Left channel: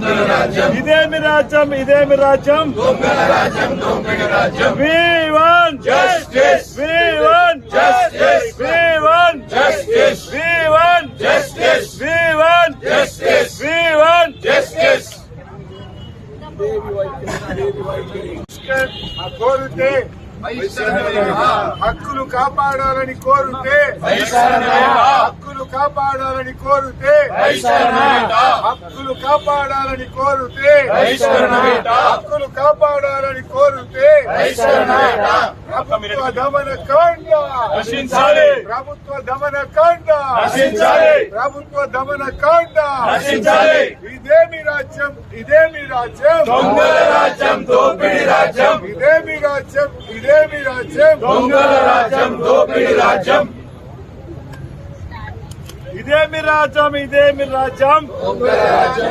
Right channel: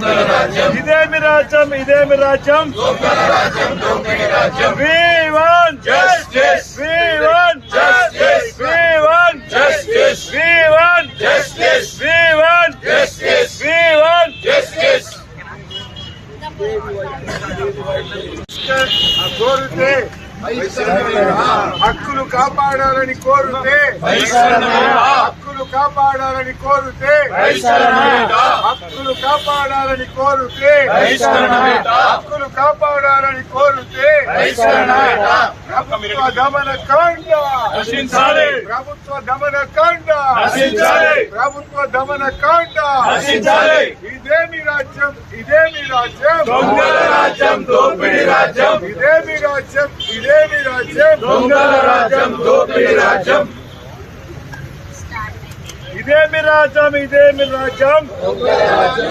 ఇదేమి రాజ్యం ఇదేమి రాజ్యం We want justice. We want justice. We want justice. We want justice. We want justice. We want justice. కోరితే హక్కులు కాపాడాలని కోరితే హక్కులు కాపాడాలని కోరితే హక్కులు కాపాడాలని కోరితే హక్కులు కాపాడాలని కోరితే ప్రభుత్వ దమన కాండ నశించాలి. ప్రభుత్వ దమన కాండ నశించాలి. ప్రభుత్వ దమన కాండ నశించాలి. ఇదేమి రాజ్యం ఇదేమి రాజ్యం దొంగల రాజ్యం దోపిడీ రాజ్యం ఇదేమి రాజ్యం ఇదేమి రాజ్యం దొంగల రాజ్యం దోపిడీ రాజ్యం ఇదేమి రాజ్యం ఇదేమి రాజ్యం దొంగల రాజ్యం